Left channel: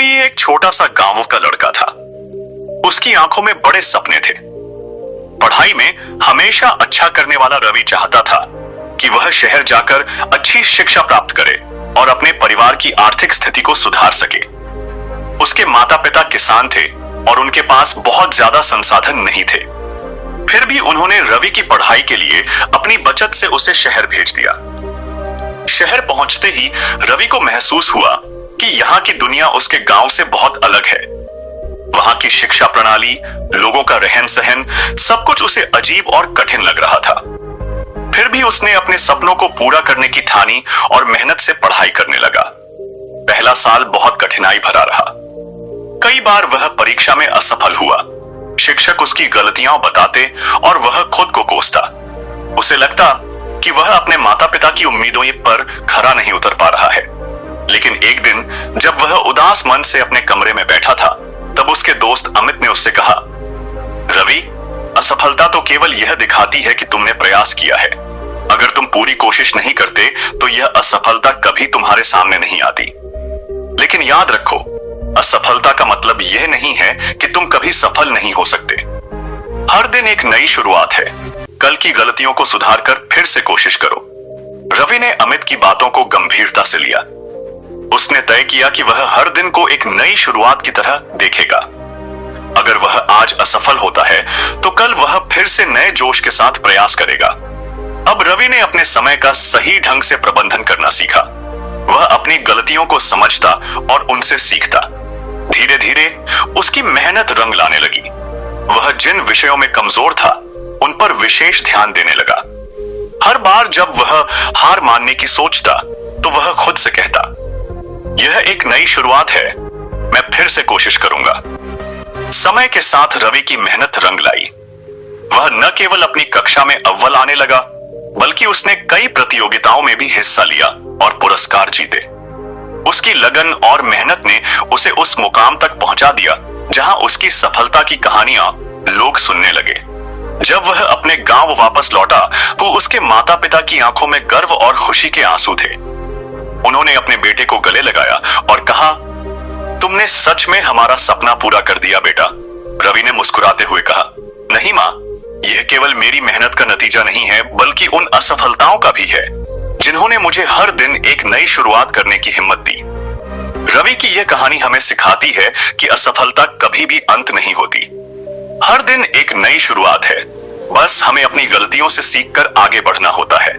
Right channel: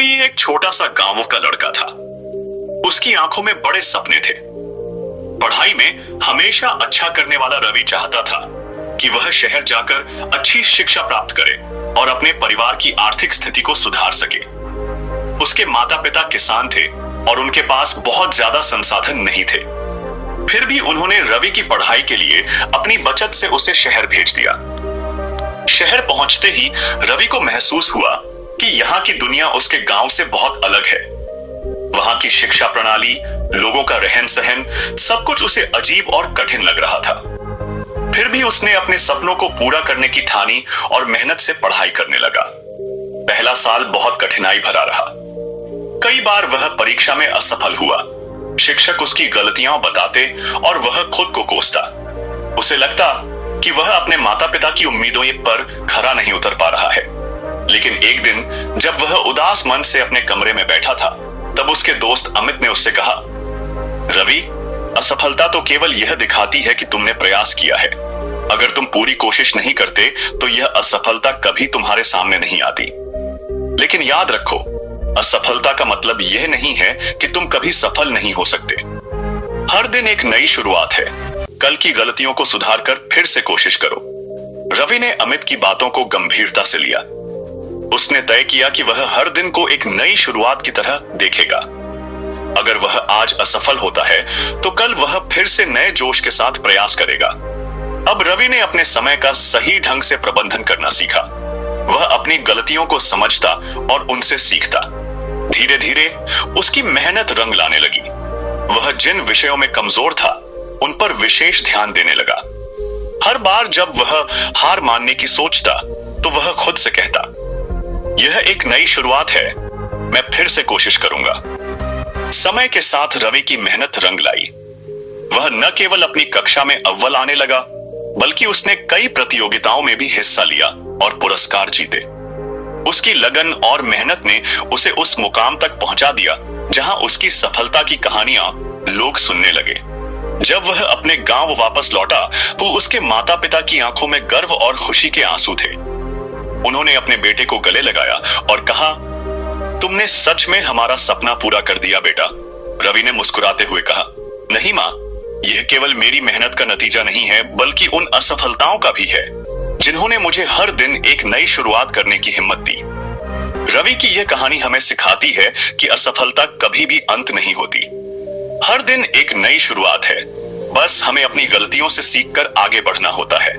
रवि एक छोटा सा गांव का लड़का था। उसकी आंखों में बड़े सपने थे। पढ़ाई में हमेशा अच्छा करने वाला रवि चाहता था कि वह शहर जाकर अच्छी शिक्षा प्राप्त करे और अपने परिवार की आर्थिक स्थिति को सुधार सके। उसके माता पिता किसान थे और उनके पास बहुत ज्यादा संसाधन नहीं थे। फिर भी उन्होंने रवि की पढ़ाई के लिए अपनी बचत से उसे शहर भेज दिया। शहर पहुंचते ही रवि को महसूस हुआ कि यहाँ की दुनिया उसके गांव से बहुत अलग है। वहां की शिक्षा प्रणाली, लोगों का रहन सहन, सब कुछ उसे अजीब और कठिन लग रहा था। फिर भी उसने अपने सपनों को पूरा करने की ठानी और मेहनत से पढ़ाई करने लगा। पहला साल बहुत कठिनाई भरा रहा। कई बार वह परीक्षा में असफल हुआ। शिक्षक उसकी गलतियां बताते और वह खुद को कोसता। उसे लगता कि वह अपने माता पिता की उम्मीदों पर खरा नहीं उतर पा रहा है। लेकिन एक दिन जब वह उदास मन से अपने कमरे में बैठा था, तब उसके दोस्त अमित ने उससे कहा, रवि, असफलता तो केवल यह दिखाती है कि तुमने प्रयास किया है। अगर तुम पूरी कोशिश नहीं करते तो यह असफलता कभी तुम्हारे सामने नहीं आती। लेकिन याद रखो, असफलता का मतलब यह नहीं है कि तुम कभी सफल नहीं हो सकते। हर दिन एक नई शुरुआत है। कल की गलतियों को सुधार कर फिर से कोशिश करो। रवि ने अमित की बातों को गंभीरता से लिया। उसने तय किया कि वह हर दिन को एक नई शुरुआत की तरह देखेगा। अगर वह आज असफल होता है तो कल वह फिर से नए जोश के साथ प्रयास करेगा। अब रवि ने अपने समय का सही ढंग से प्रबंधन करना सीखा। वह अपनी गलतियों को समझता और उनसे सीखता। धीरे धीरे उसकी मेहनत रंग लाने लगी। वह जिन विषयों में कमजोर था उन पर विशेष ध्यान देने लगा। हर बार जब वह हार मानने की सोचता तो वह खुद से कहता, यह एक नई शुरुआत है, मैं फिर से कोशिश करूंगा। समय के साथ रवि की मेहनत रंग लाई। वह न केवल अपनी कक्षा में अव्वल आने लगा, बल्कि उसने कई प्रतियोगिताओं में भी हिस्सा लिया और पुरस्कार जीते। उसकी लगन और मेहनत ने उसे उस मुकाम तक पहुंचा दिया जहां उसकी सफलता की कहानियां लोग सुनने लगे। जब वह अपने गांव वापस लौटा तो उसके माता पिता की आंखों में गर्व और खुशी के आंसू थे। उन्होंने अपने बेटे को गले लगाया और कहा, तुमने सच में हमारा सपना पूरा कर दिया बेटा। रवि ने मुस्कुराते हुए कहा, नहीं मां, यह केवल मेरी मेहनत का नतीजा नहीं है, बल्कि उन असफलताओं का भी है जिन्होंने मुझे हर दिन एक नई शुरुआत करने की हिम्मत दी। रवि की यह कहानी हमें सिखाती है कि असफलता कभी भी अंत नहीं होती। हर दिन एक नई शुरुआत है। बस हमें अपनी गलतियों से सीखकर आगे बढ़ना होता है।